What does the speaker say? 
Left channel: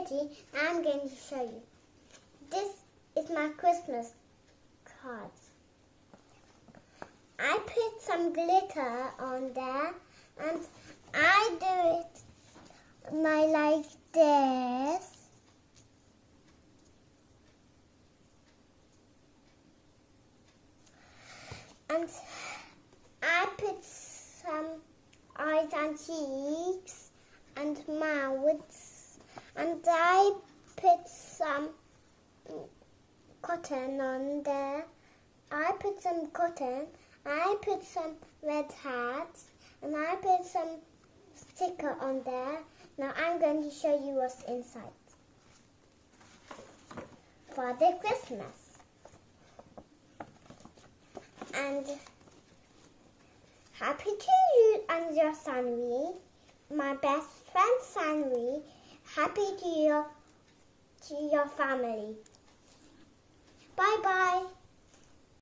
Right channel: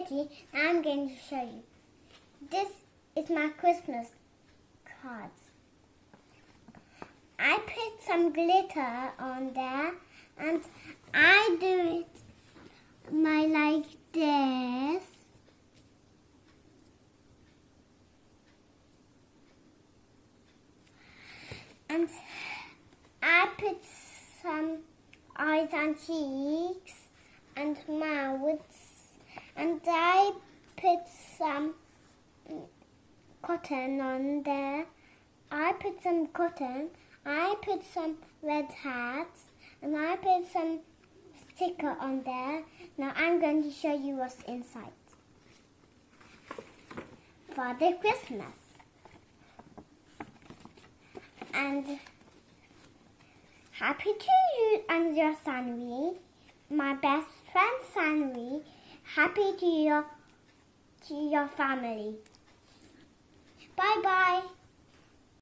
Driti. I'm going to show you. This is my Christmas cards. I put some glitter on there and I do it like this. And I put some eyes and cheeks and mouths, and I put some cotton on there. I put some cotton, I put some red hats, and I put some sticker on there. Now I'm going to show you what's inside. Father Christmas. And happy to you and your Sanvi, my best friend Sanvi. Happy to your family.